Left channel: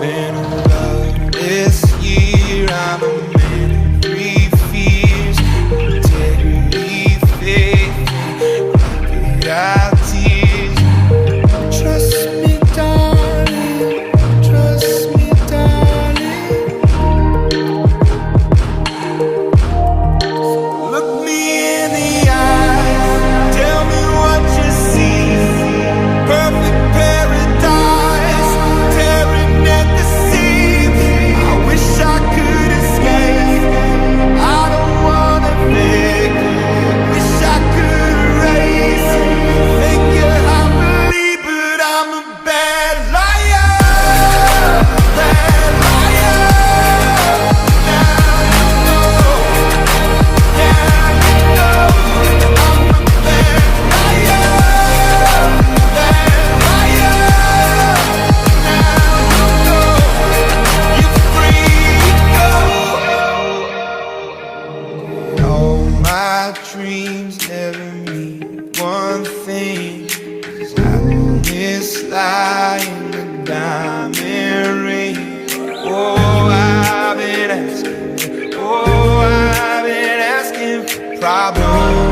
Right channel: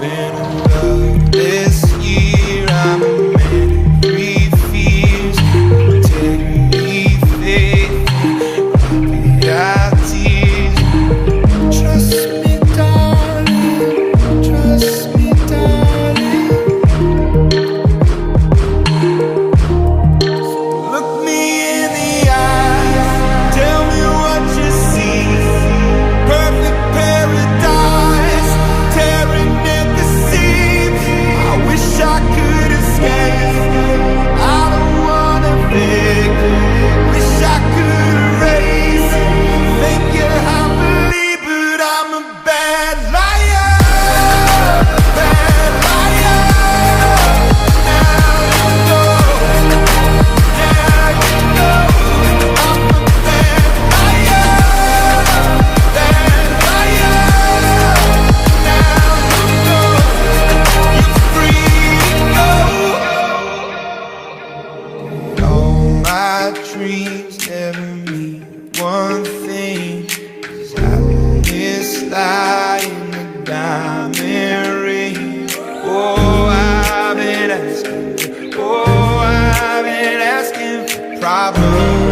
been a loveless year. I'm a man of three fears: integrity, faith, and crocodile tears. Trust me, darling, trust me, darling. So look me in the eyes, tell me what you see. Perfect paradise, tearing at the seams. I wish I could escape. I don't wanna fake. Wish I could erase it, make you happily, but I'm a bad liar. Bad liar. Now you know. Now you know. I'm a bad liar. Bad liar. Now you know. You're free to go. All my dreams never mean one thing. Does happiness lie in the diamond ring? Oh, I've been asking. Oh, I've been asking for problems.